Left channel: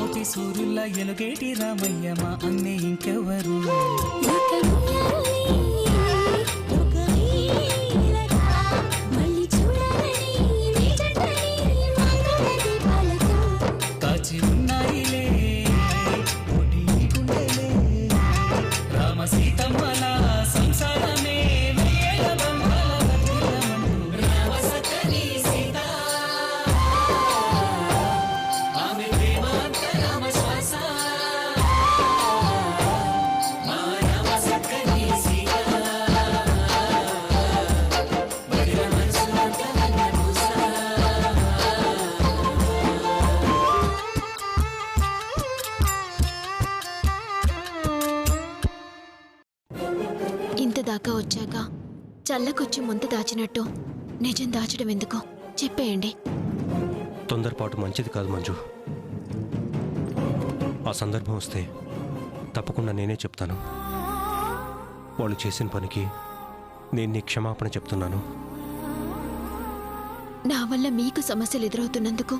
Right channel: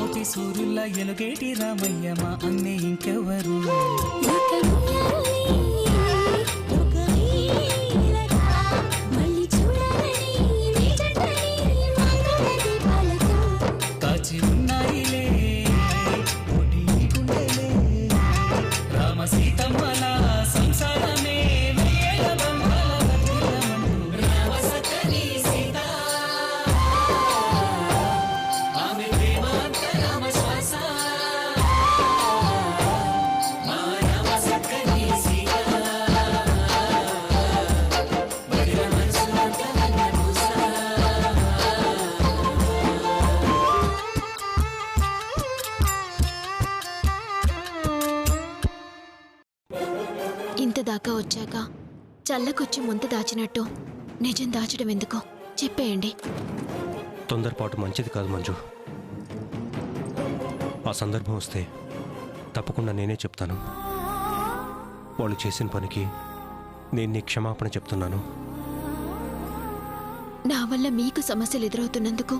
కోటి సూర్యుల ఎలుగేటి రామయ్య మా అన్నే ఇంకెవరు. కాచి ఉన్నాయిలే కోటి గుండెలే రామ సీతమ్మల సంసారమే వేల బంధాల వర్ధిల్లమంటూ. రామ సక్కని సీత ఆమె ప్రేమ అంత రామ శ్వాస. మా రామ సక్కని సీత బడిల మనసులంత వెన్నపూస. ఇంత దాకా వచ్చాక చల్లకొచ్చి ముంత దాచినట్టు నిజం దాచడం ఎందుకు చెప్పేయండి. తొందరపాటు మంచిది కాదు మంజు. ఆ సందర్భం వస్తే తప్పకుండా నేనే చెప్తాను. వాళ్ళు చేసిన పనికి నేను నీ క్షమాపణ చెప్తున్నాను. నా వల్ల మీకు సమస్యలు ఎదురవుతున్నందుకు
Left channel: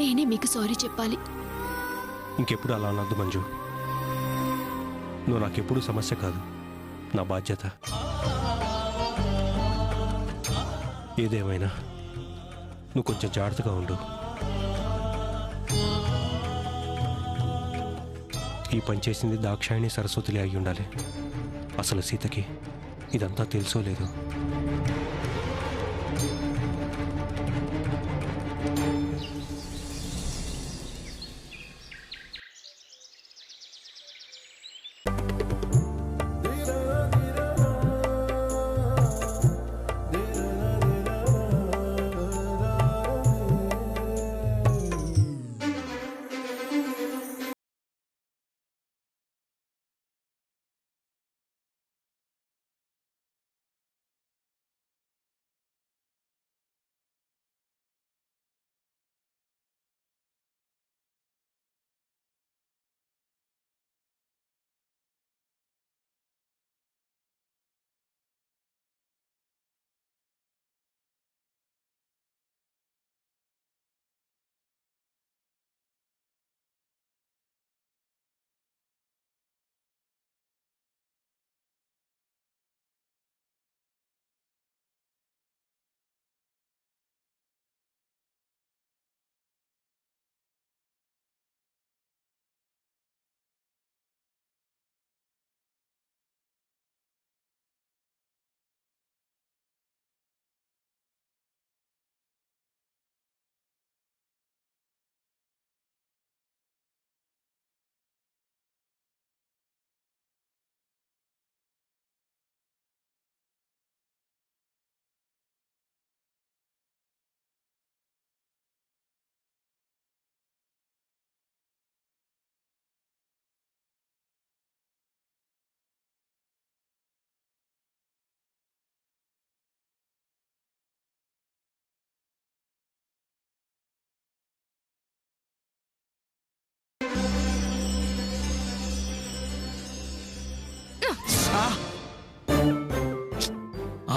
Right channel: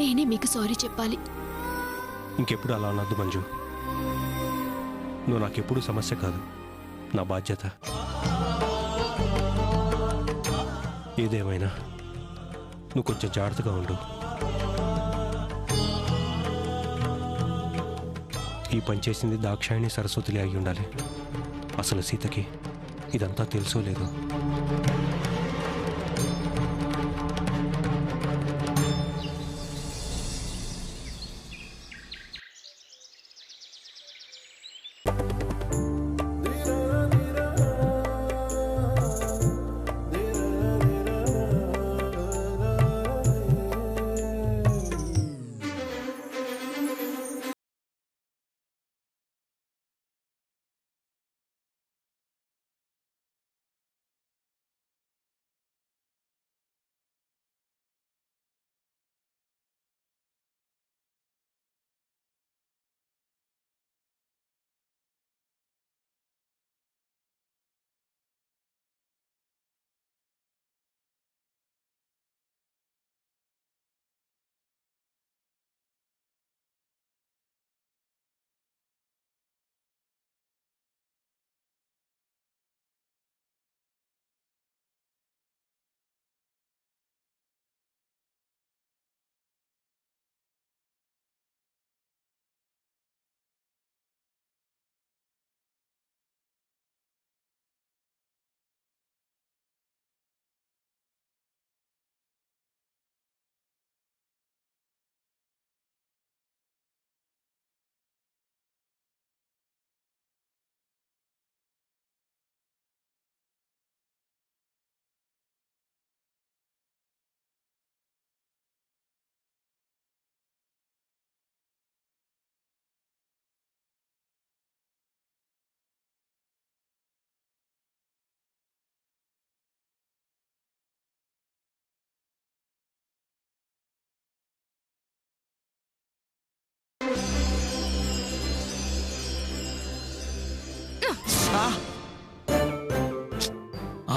నేనే మీకు సారీ చెప్పాలి. ఇంకెప్పుడు అలా అనద్దు మంజు. నువ్వు నాకెప్పుడు సమస్య కాదు, నా బాధ్యత. ఏదేమైనా నువ్వు కొంచెం జాగ్రత్తగా ఉండు. ఈ పని చేసింది దాక్షాయిణి సరస్వతిలే అయి ఉండాలి. అసలు సీతకి ఇదంతా తెలుసో లేదో.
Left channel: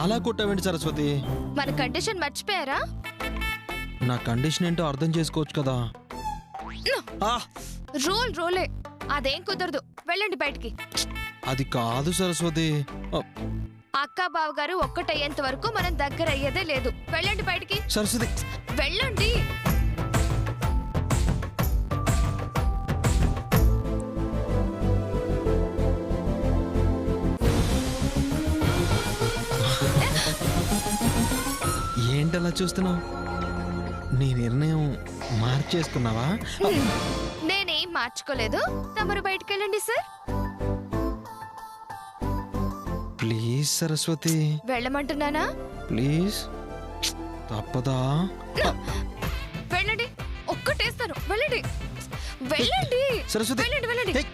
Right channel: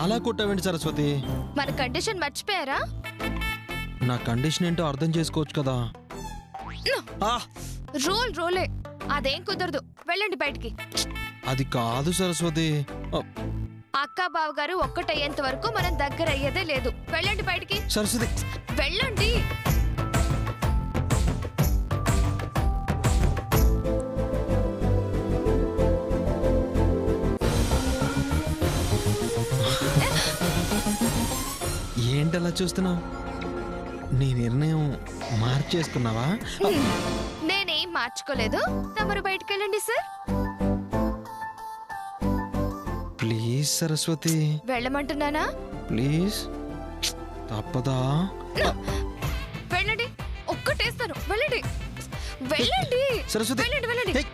అలా కొట్టావేంటి సరస్వతి? మన కండిషన్ మర్చిపోయారా? నా కండిషన్ ఏంటో అర్థం చేసుకోవచ్చు కదా. రోలే అదేం కుదరదు. వెళ్ళండి బయటికి. అది కాదు సరస్వతి. అక్క బావ గారు ఒక్కటయ్యేంత వరకు మనం దగ్గర అయ్యేదే లేదు. వెళ్ళండి బయటికి. సరస్వతి వెళ్ళండి. ఏంటలా చూస్తున్నావు? నీ నిర్ణయం మార్చేసుకున్నావా? నేనేం మార్చుకోలేదు. తమరు బయటికి వెళ్ళండి సార్. ప్లీజ్ సరస్వతి. వెళ్ళమంటున్నానా? ప్లీజ్. తప్పదా? వెళ్ళండి. ఒక్కటేస్తాను. వెళ్ళండి. వెళ్ళండి సరస్వతి. వెళ్ళండి వెళ్ళండి.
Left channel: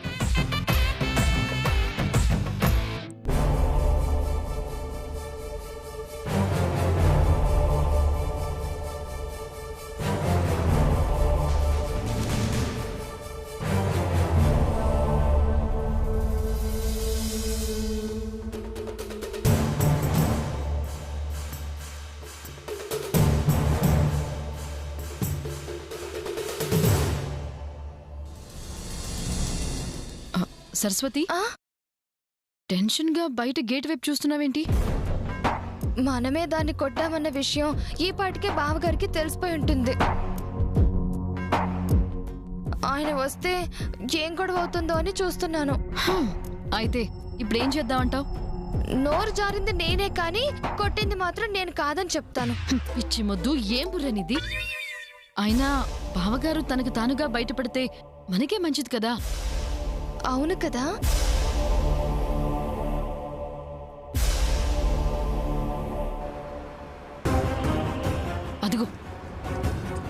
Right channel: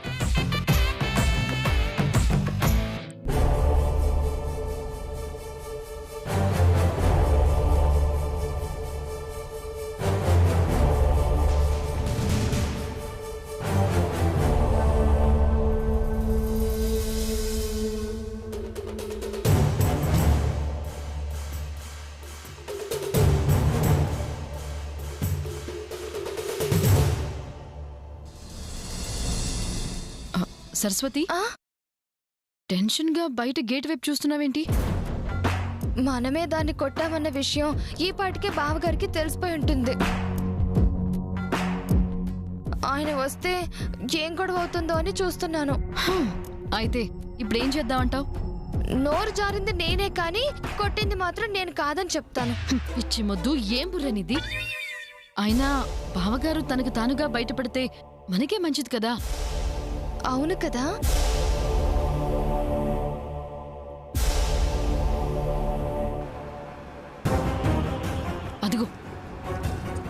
సరస్వతి, టెన్షన్ గా బయట గేట్ వైపు చూస్తున్నావేంటి? మనమే దాన్ని కొట్టామన్న విషయం ఈ పాటికే బావగారికి తెలిసిపోయి ఉంటుంది. ఆయన వస్తే ఏం గొడవ అవుతుందో అని చూస్తున్నాను. అయితే ఇప్పుడేం చేద్దామంటావు? నోరు జారింది నేనే కానీ కొట్టింది మాత్రం నేను కాదని చెప్తాను. పిచ్చి మొద్దు, ఏం బుర్రనిది? అయినా బావగారు తనకు తానుగా బయటపడితే మనకే మంచిది కదా. అవును కదా. అదిగో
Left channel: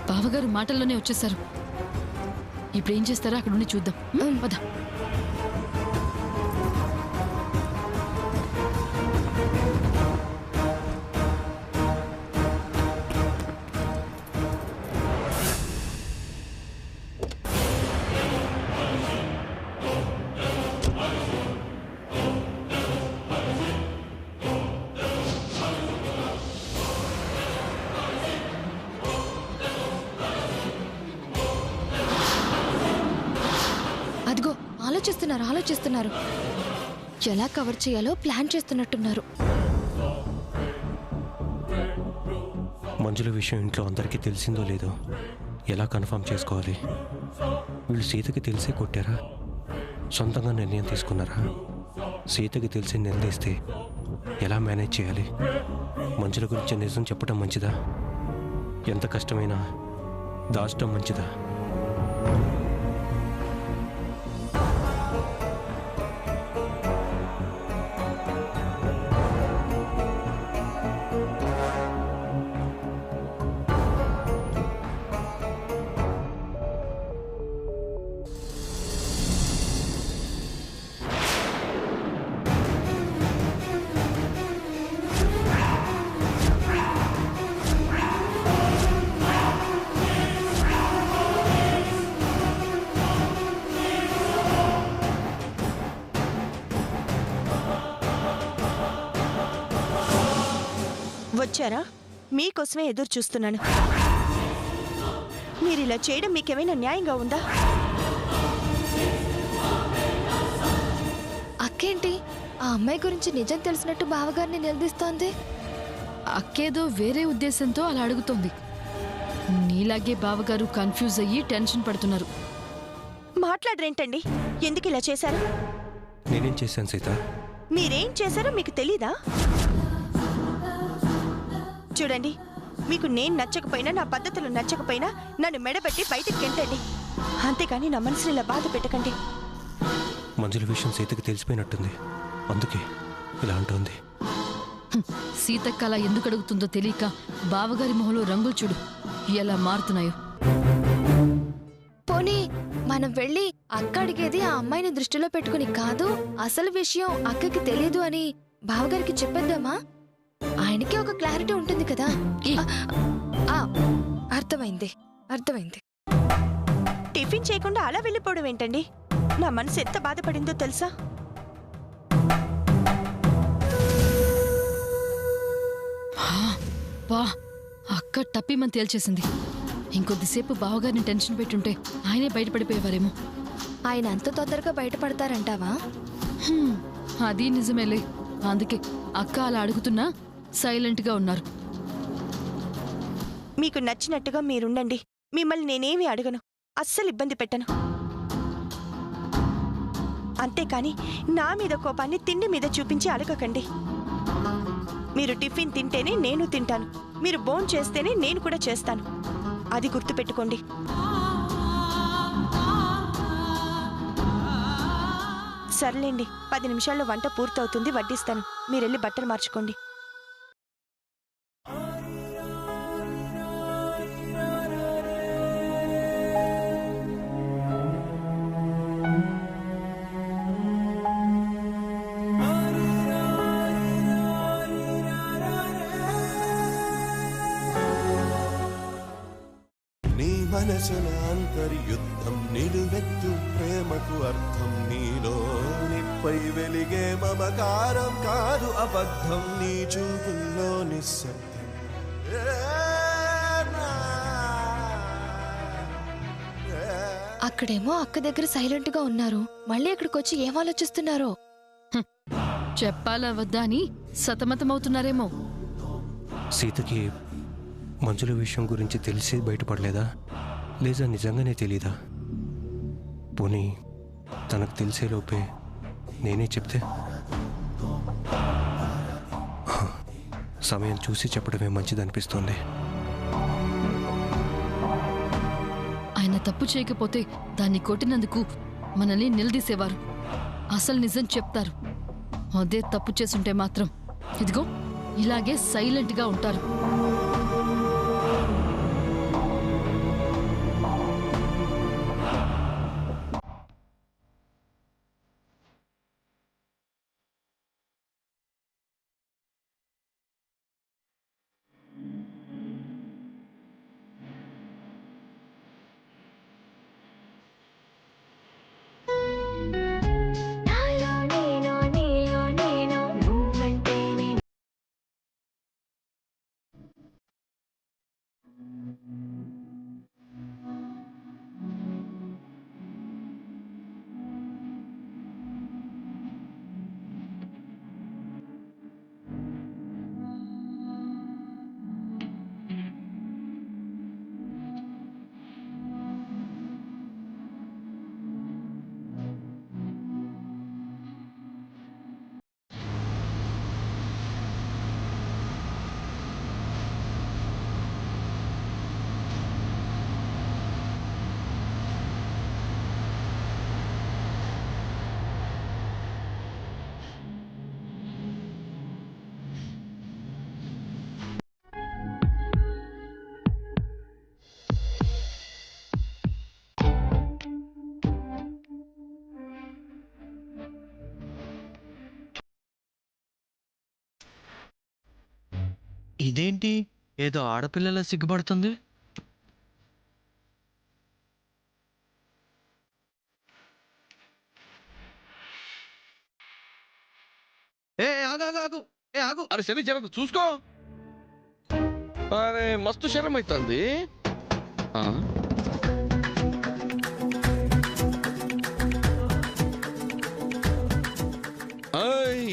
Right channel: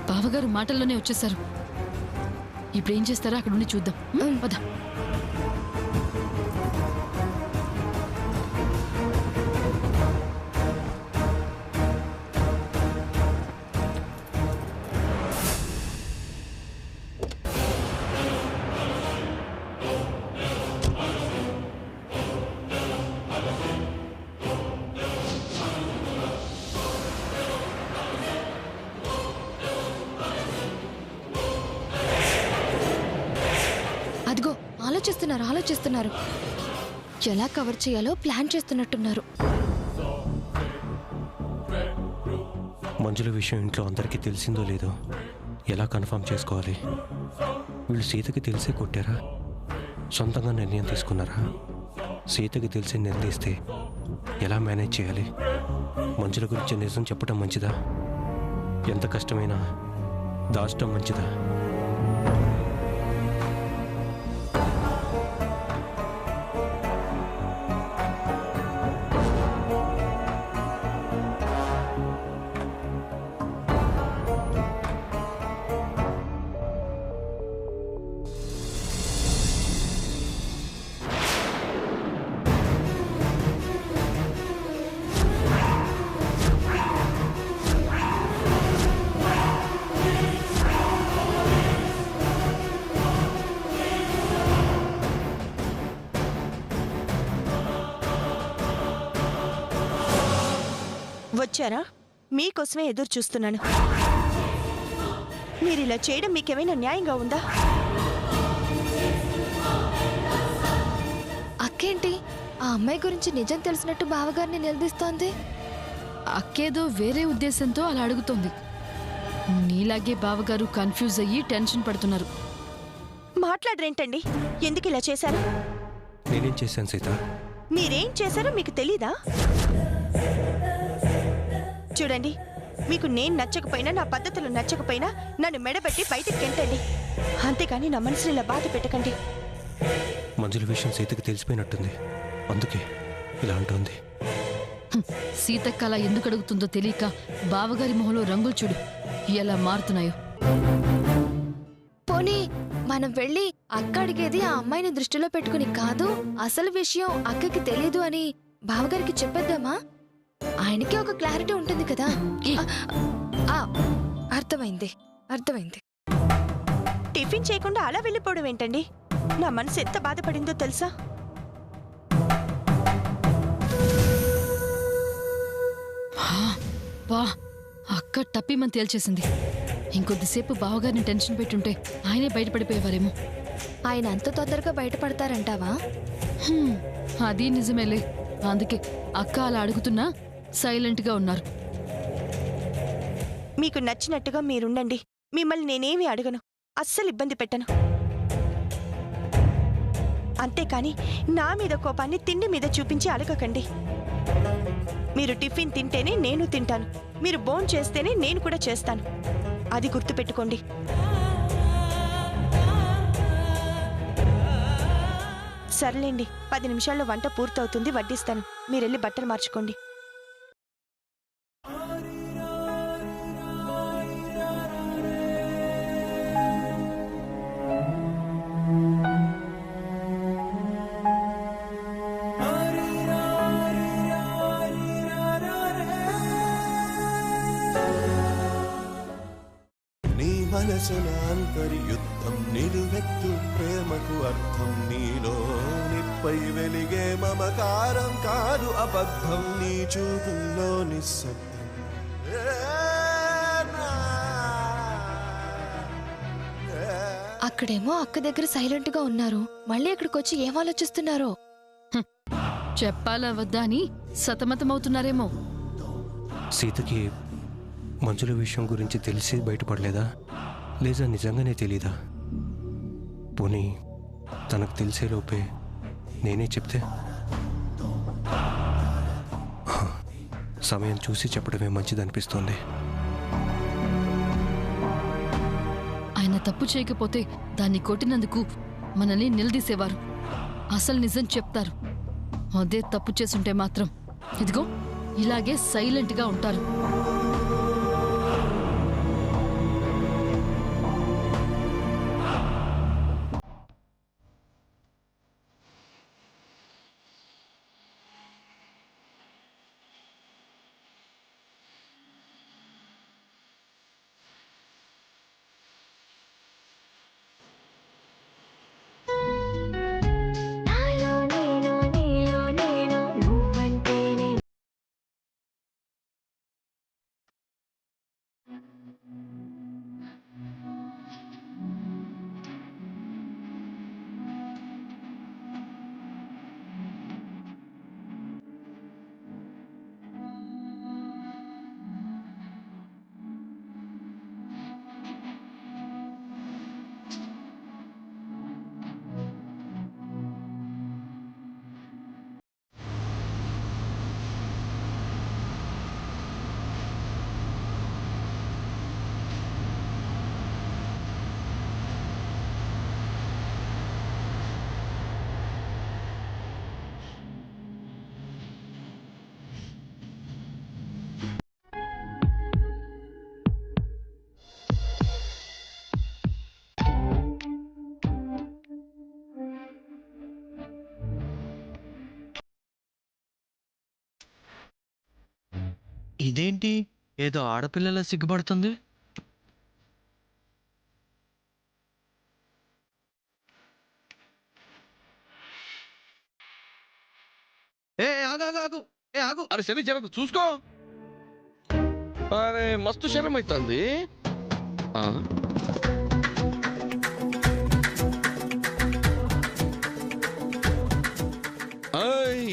బావగారు మాటల్లోనే వచ్చేసారు. ఇప్పుడేం చేస్తారో అక్కడ ఉండి చూద్దాం. పద. అదిగో ఆలోచిస్తున్నారు. ఎలా కవర్ చేయాలో ప్లాన్ చేస్తున్నట్టున్నారు. మంజుల విషయం ఇంట్లో అందరికీ తెలిసిందో లేదో ఎలా కన్ఫర్మ్ చేసుకోవాలి? వీళ్ళు సీతకి తెలిసే కొట్టారా? సొంతంగా నిర్ణయం తీసుకున్నారా? సీతకి తెలిసి నిలదీస్తే ఎలా మేనేజ్ చేయాలి? మంజుల గురించి నిజం చెప్పడం మంచిదా? ఎంత కష్టమైనా దాచడం మంచిదా? వచ్చారా? మీకోసమే ఎదురు చూస్తున్నాను. మీరిలా చేయడం మీకేమైనా న్యాయంగా ఉందా? అక్కేంటి ఆ అమ్మాయి గురించి నిజం తెలిసినట్టు బావగారిని నిలదీస్తోంది? అక్కేదో వేరే ఉద్దేశంతో అలా అడుగుతోంది. నీలాగే బావగారు కన్ఫ్యూజ్ అయ్యి టెన్షన్ పడుతున్నారు. మాట్లాడరేంటండి? ఎందుకు ఇలా చేశారు? నేనేం చేశాను సీత? మీరేం చేశారో మీకు తెలీదా? చూడండి, మీకు నేను నచ్చకపోయినా, నా పద్ధతులు నచ్చకపోయినా నన్ను మెడబెట్టి బయటికి గెంటండి. అంతేకాని నా మనసుని ఇలా బాధ పెట్టకండి. మంజుల విషయం సీతకి తెలిసిపోయినట్టుంది, అందుకే ఇలా అంటుంది. సీతక్క అలా ఎందుకు అడుగుతుందో తెలియక బావగారి మొహంలో రంగులు చూడు ఎలా మారుతున్నాయో. పోనీ మనం వెళ్ళి అక్క అడిగేది ఆ అమ్మాయిని దృష్టిలో పెట్టుకుని కాదు, అసలు విషయం అక్కకి తెలియదు అని బావగారికి చెప్పేద్దామా? ఆయనకి ఒక క్లారిటీ ఉంటుంది కదా. అర్థమైంది. టిఫిన్ చేయకుండా అలా వెళ్ళిపోవడం ఏంటండి? నా మనసు ఎంత బాధపడిందో తెలుసా? వా, అక్క టప్పిమని తేల్చేసింది. ఇంకొద్దిసేపు బావగారిని టెన్షన్ పెట్టుంటే ఆయనే బయటపడిపోయేవారేమో. ఆయన అంత తొందరగా బయటపడతారంటావా? అది నిజమేలే. అందుకే అక్క అలా అడుగుతున్నా సైలెంట్గా ఉన్నారు. మీకు నచ్చినట్టుగా మీరుండండి. మిమ్మల్ని నేనేమీ అడగను, అస్సలు ఇబ్బంది పెట్టను. అంతేకాని నా మీద కోపాన్ని తిండి మీద చూపించి అడగకండి. మీరు టిఫిన్ తింటేనే నేను తింటాను, మీరు భోం చేస్తేనే నేను కూడా చేస్తాను. అది గుర్తుపెట్టుకోండి. సర్లేండి, 10 నిమిషాల్లో వంట పూర్తవుతుంది, వడ్డిస్తాను. మీరెళ్ళి బట్టలు మార్చుకోండి. మనసున అంతర్యుద్ధం నిలువెత్తు ప్రేమకు అర్థం నీలో నిప్పై వెలిగే మమకారం కాదు అబద్ధం నీ చూపుల్లో నిశ్శబ్దం అక్కడేమో అక్క దగ్గర సైలెంట్ గా ఉన్నారు, మళ్ళీ ఇక్కడికి వచ్చి ఏం ఆలోచిస్తున్నారో. చెప్పాలా వద్దా అని సతమతమవుతున్నారేమో. సీతకి మంజుల విషయం గురించి తెలిసి బయటపడలేదా, లేదా నిజంగానే తెలీదా? పోనీ తనకు తెలిసేలోపే నేనే చెప్తే? సమయం చూసి చెప్పడమే మంచిదనిపిస్తోంది. ఆయన తప్పు చేయకపోతే దాన్ని కొట్టినందుకు మనల్ని నిలదీసేవారు, అసలు నిజం చెప్తారు. అదే తప్పు చేసుంటే మాత్రం ఇదిగో ఇలాగే సైలెంట్గా ఉంటారు. ఇదేంటి ఏదో ఆడపిల్లల సిగ్గుపడుతుంది? ఆగు అరే శని జర చూసుకో. అరే మస్తు శరం అవుతుంది.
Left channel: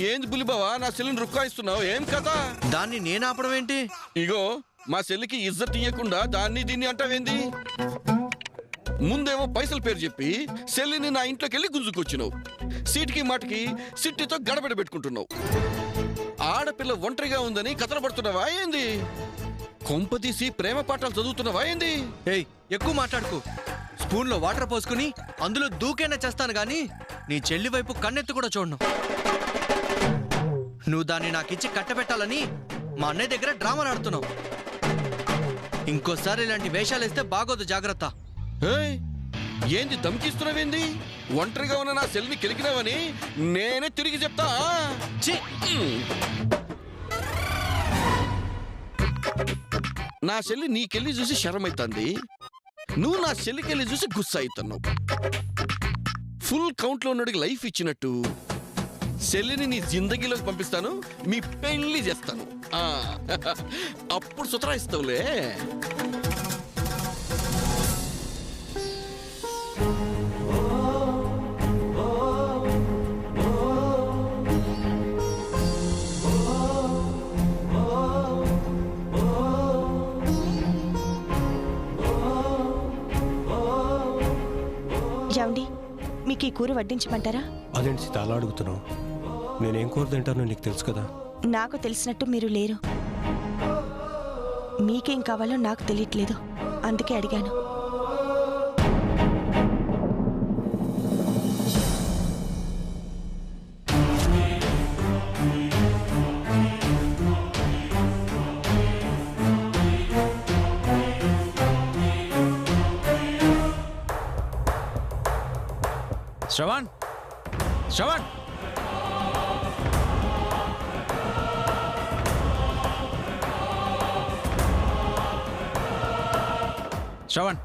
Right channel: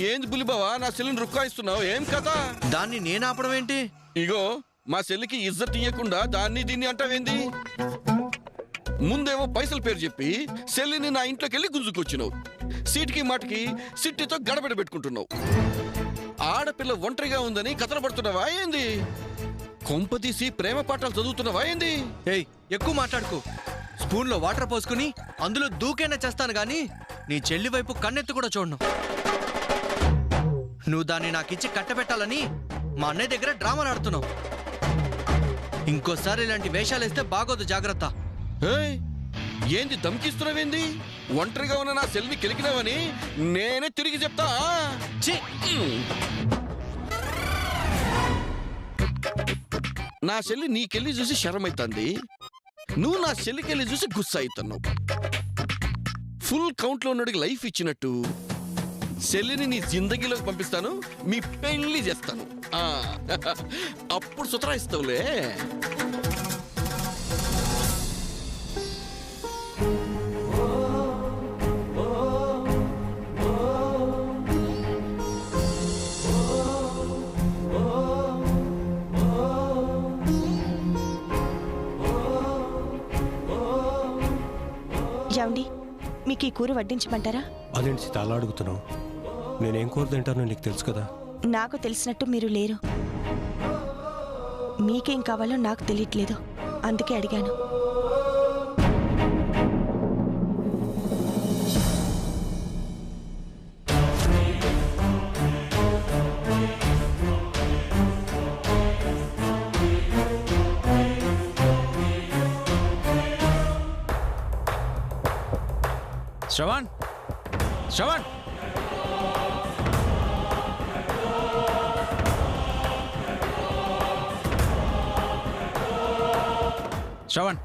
ఏంది బులిబావా నా సెల్లిని రుక్కాయిస్తున్నావు? ఏం కథ? దాన్ని నేను ఆపడం ఏంటి? ఇగో మా సెల్లికి ఇజ్జత్ ఇయ్యకుండా దాన్ని దీన్ని అంటావేంది? ముందేమో పైసల పేరు చెప్పి సెల్లిని నా ఇంట్లోకి వెళ్ళి గుంజుకొచ్చినావు. సీటుకి మాటికి సిట్టితో గడబడ పెట్టుకుంటున్నావు. ఆడపిల్ల ఒంటరిగా ఉందని కథలు పడుతున్నావా ఏంది? కొంపతీసి ప్రేమ పాఠాలు చదువుతున్నావా ఏంది? ఏయ్ ఎక్కువ మాట్లాడుకో. స్పూన్లో వాటర్ పోసుకుని అందులో దూకైనా చేస్తాను గాని నీ చెల్లి వైపు కన్నెత్తి కూడా చూడను. నువ్వు దాన్ని నాకిచ్చి కట్టబెట్టాలని మా అన్నయ్య దగ్గర డ్రామాలు ఆడుతున్నావు. ఇంకోసారి ఇలాంటి వేషాలు వేస్తే బాగోదు, జాగ్రత్త. ఏంది దమ్కిస్తున్నావేంది? ఒంటరిగా ఉన్న నా సెల్ని కెలికినావని నేనే తిరిగి చెప్తా. నా చెల్లి నీకెళ్ళి చూసి శరమైతుంది, నువ్వు నా చెల్లికెళ్ళి చూసి గుస్సా అవుతున్నావు. ఫుల్ కౌంట్ లో ఉన్నడికి లైఫ్ ఇచ్చినట్టు చెల్లిని నీ జిందగీలోకి పంపిస్తాను, మీ పెళ్లి చేస్తాను. అప్పుడు సుతరాయిస్తావులే. ఏమండి, మీకు ఈ కూర వడ్డించమంటారా? అదేంటి సీత అలా అడుగుతున్నావు? నేనేం కూర తింటానో నీకు తెలుసు కదా. నాకు తెలిసినట్టు మీరు లేరు. మీకేం కావాలో నాకు తెలియట్లేదు, అందుకే అడిగాను. శ్రవణ్, శ్రవణ్, శ్రవణ్,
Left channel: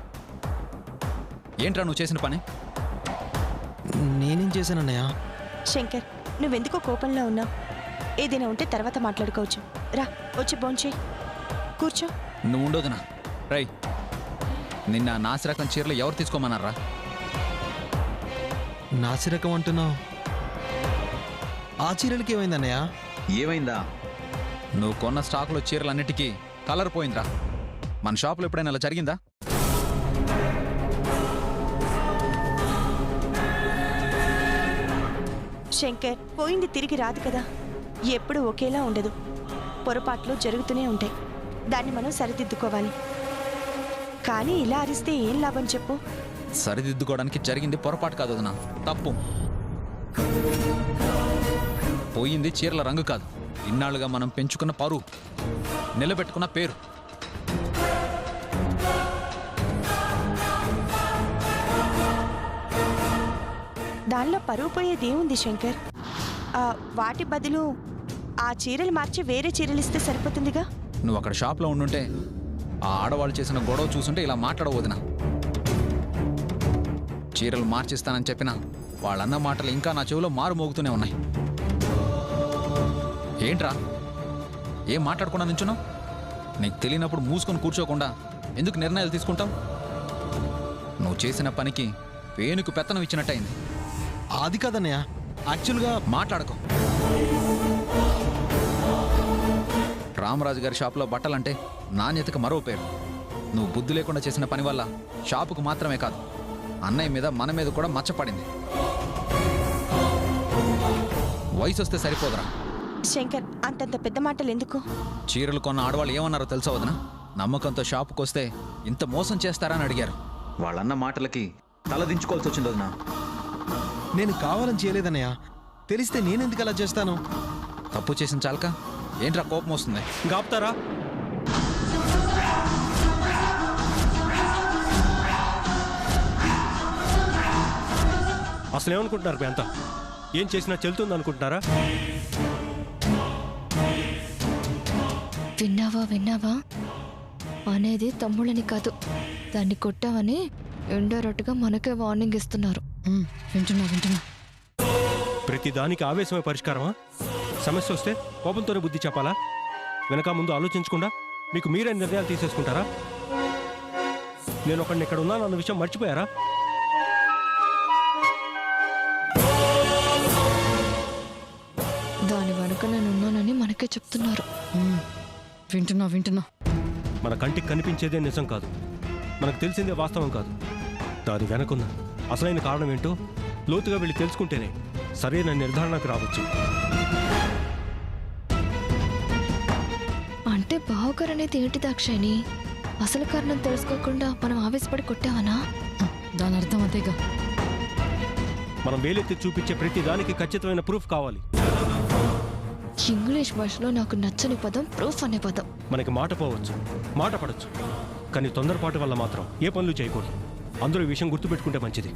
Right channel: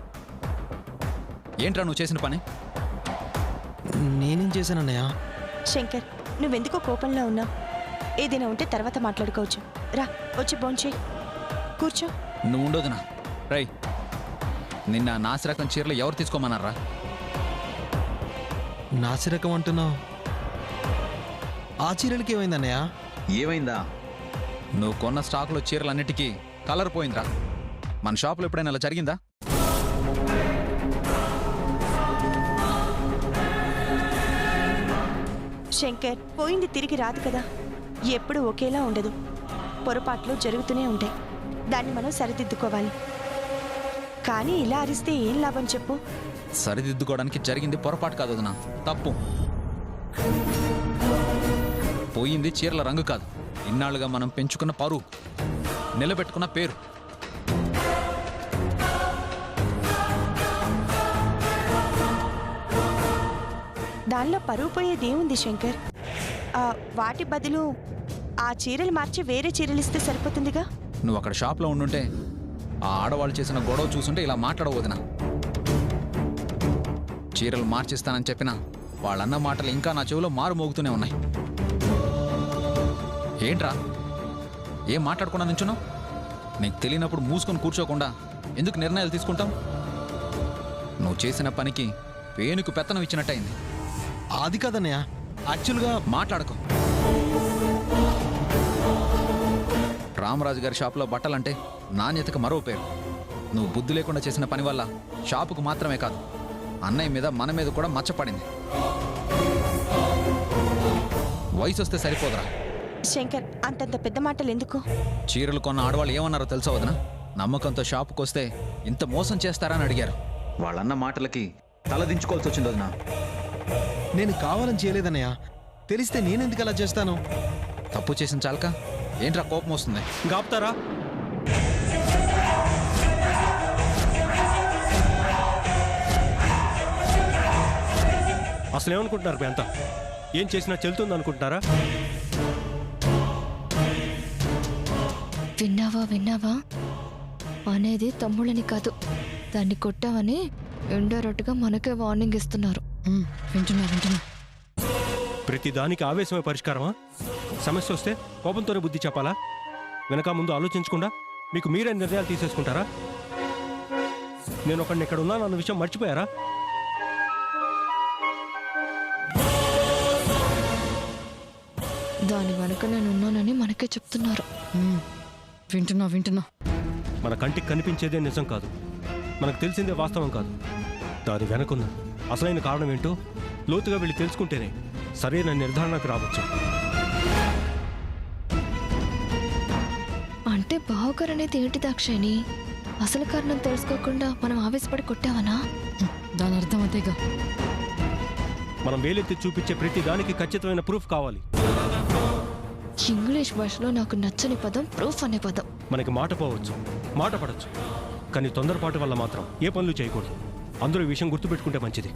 ఏంట్రా నువ్వు చేసిన పని? నేనేం చేశానన్నయ్య? శంకర్, నువ్వెందుకో కోపంలో ఉన్నావు? ఏదైనా ఉంటే తర్వాత మాట్లాడుకోవచ్చు. రా, వచ్చి భోంచేయి, కూర్చో. నువ్వు ఉండొద్దునా? రై, నిన్న నాసి రకం చీరలు ఎవరు తీసుకోమన్నారా? నాసిరకం అంటున్నావు? ఆ చీరలకి ఏమైందన్నయ్య? ఏమైందా? నువ్వు కొన్న స్టాక్లో చీరలన్నిటికీ కలర్ పోయిందిరా. మన షాప్లో ఎప్పుడైనా అలా జరిగిందా? శంకర్, పోయింది తిరిగి రాదు కదా. ఎప్పుడు ఒకేలా ఉండదు. పొరపాట్లు జరుగుతూనే ఉంటాయి. దాన్ని మనం సరిదిద్దుకోవాలి. కానీ ఇలా అరిస్తే ఏం లాభం చెప్పు? సరిదిద్దుకోవడానికి జరిగింది పొరపాటు కాదు వదినా, తప్పు. పోయింది చీరల రంగు కాదు, ఇన్నాళ్ళుగా మనం పెంచుకున్న పరువు, నిలబెట్టుకున్న పేరు. దానిలో పరువు పోయేదేముంది శంకర్? వాటి బదులు ఆ చీరలు మార్చి వేరే చీరలు ఇస్తే సరిపోతుందిగా. నువ్వు అక్కడ షాప్లో ఉండుంటే ఆ ఆడవాళ్ళు చేసిన గొడవ చూసుంటే ఇలా మాట్లాడవదినా. చీరలు మార్చిస్తానని చెప్పినా వాళ్ళన్న మాటలు ఇంకా నా చెవిలో మారు మోగుతూనే ఉన్నాయి. ఏంట్రా ఏం మాట్లాడకుండా నించున్నావు? నీకు తెలియనప్పుడు మూసుకొని కూర్చోకుండా ఎందుకు నిర్ణయాలు తీసుకుంటావు? నువ్వు చేసిన పనికి పేనుకు పెత్తనం ఇచ్చినట్టయింది. అది కాదన్నయ్య, యాక్చువల్గా మాట్లాడకు. రామరాజు గారి షాపులో బట్టలంటే నాణ్యతకు మరో పేరు. నువ్వు బుద్ధి లేకుండా చేసిన పని వల్ల షాపుకు మాత్రమే కాదు, అన్నయ్య మీద మన మీద కూడా మచ్చపడింది. వయసు వస్తే సరిపోదురా. శంకర్, అంతంత పెద్ద మాటలు ఎందుకు? చీరలు కొన్న ఆడవాళ్ళు ఏమన్నారో తెలుసా వదినా? నమ్మకంతో షాపుకు వస్తే ఇంత మోసం చేస్తారా అని అడిగారు. వాళ్ళన్న మాటలకి తలదించుకోవాల్సి వచ్చింది వదినా. నేను కావాలని చేయలేదన్నయ్య. తెలిస్తే నేనెందుకు అలా చేస్తాను? తప్పు చేసిన చాలక ఏంట్రా కోపం వస్తుంది? గాపుతారా? అసలు ఏమనుకుంటున్నారు మీ అంతా? ఏం చేసినా చెల్లుతుంది అనుకుంటున్నారా? విన్నావా అనేది తమ్ముళ్ళని కాదు, దాన్ని కొట్టావని ఇండైరెక్ట్గా మనకే వార్నింగ్ ఇస్తున్నారు. వింటున్నా. ప్రతి దానికి ఆవేశమే పరిష్కారమా? సమస్య వస్తే కోపంతోనే బుద్ధి చెప్పాలా? వెనక ముందు ఆలోచించకుండా మీకు మీరే నిర్ణయాలు తీసేసుకుంటారా? నేను ఒకడిని ఇక్కడ ఉన్నాను అన్న విషయం మర్చిపోయారా? దాని వెనుక నేను ఉన్నానని మనకే చెప్తున్నారు. వింటున్నా. మన కంటికి కనిపించేదే నిజం కాదు, మనకు తెలిసిందే వాస్తవం కాదు. దాని వెనకున్న అసలైన కారణం ఏంటో లోతుగా వెళ్ళి తెలుసుకుంటేనే సరైన నిర్ధారణకు రావచ్చు. అంటే బావగారు అనేది ఏంటి దాక్షాయిని? అసలు కారణం తెలుసుకోకుండా మనం ఆవేశపడి కొట్టావనా? దాని అర్థం అదేగా. మనం వేలెత్తి చూపించే ప్రతి దానికి ఖచ్చితమైన ప్రూఫ్ కావాలి. ఇంగ్లీష్ భాషలో నాకు నచ్చని పదం ప్రూఫ్ అనే పదం. మనకి మాట పోవచ్చు, మాట పడవచ్చు, కానీ తొందరపాటు వల్ల మాత్రం ఏ పనులు చేయకూడదు. అందరూ ఈ విషయం గుర్తుపెట్టుకుంటే మంచిది.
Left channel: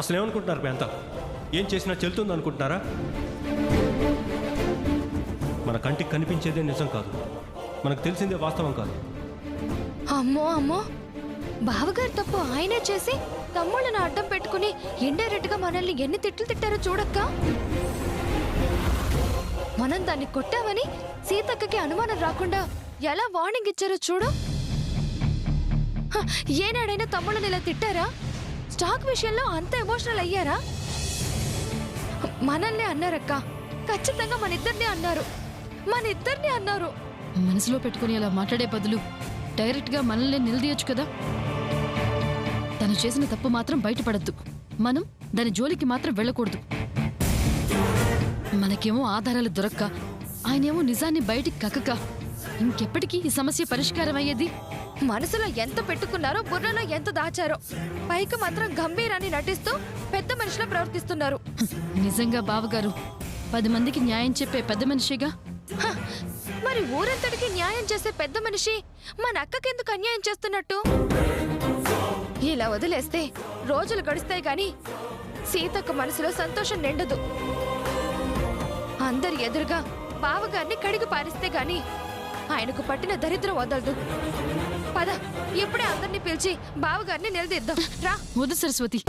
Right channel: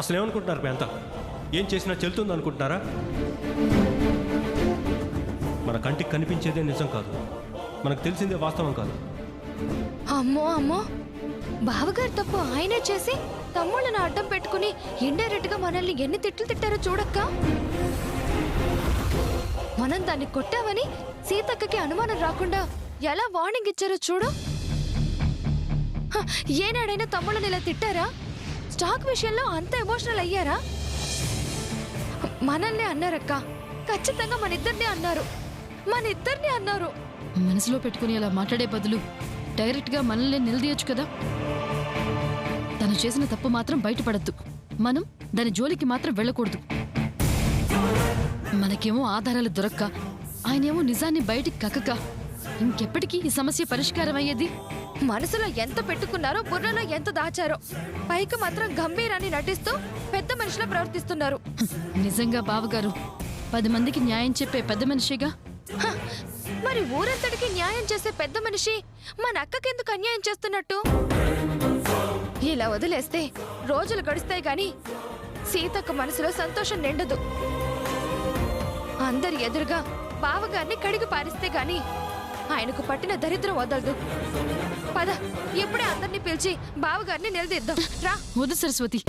అసలు ఏమనుకుంటున్నారు మీ అంతా? ఏం చేసినా చెల్లుతుంది అనుకుంటున్నారా? మన కంటికి కనిపించేదే నిజం కాదు, మనకు తెలిసిందే వాస్తవం కాదు. అమ్మో బావగారు తప్పు ఆయనే చేసి తమ్ముళ్ళని అడ్డం పెట్టుకుని ఇండైరెక్ట్ గా మనల్ని ఎన్ని తిట్లు తిట్టారో చూడక్క. మనం దాన్ని కొట్టామని సీతక్కకి అనుమానం రాకుండా ఎలా వార్నింగ్ ఇచ్చారో చూడు. ఏనాడైనా తమ్ముళ్ళని ఇలా తిట్టారా? స్టాక్ విషయంలో అంత ఎమోషనల్ అయ్యారా? మనల్ని అన్నారక్క, ఖచ్చితంగా మన ఇద్దరిని అన్నారు. మనసులో పెట్టుకుని అలా మాట్లాడే బదులు డైరెక్ట్ గా మనల్ని నిలదీయొచ్చు కదా. తను చేసిన తప్పు మాత్రం బయటపడద్దు, మనం దాని జోలికి మాత్రం వెళ్ళకూడదు. మనకేమో ఆధారాలు దొరక్క, ఆయనేమో నిజాన్ని బయటికి కక్కక ఇంకెప్పటికీ ఈ సమస్య పరిష్కారం అయ్యేది? మనసులో ఎంత పెట్టుకున్నారో, బుర్రలో ఎంత దాచారో, పైకి మాత్రం గంభీరాన్ని నటిస్తూ పెద్ద మనిషిలా ప్రవర్తిస్తున్నారు. నిజంగా బావగారు 10 మందికి న్యాయం చెప్పే పెద్ద మనిషిగా. మరి ఊరంతటికి న్యాయం చేసే పెద్ద మనిషి మన అక్కకెందుకు అన్యాయం చేస్తున్నట్టు? ఇలా వదిలేస్తే రోజులు గడుస్తాయి గాని సీతక్క మనసులో సంతోషం నిండదు. అందరి ఎదురుగా బావగారిని కడిగి పారిస్తే గాని ఆయనకు పట్టిన దరిద్రం వదలదు. పద, ఇప్పుడే అందరినీ పిలిచి బావగారిని నిలదీద్దాం రా. వద్దు సరస్వతి,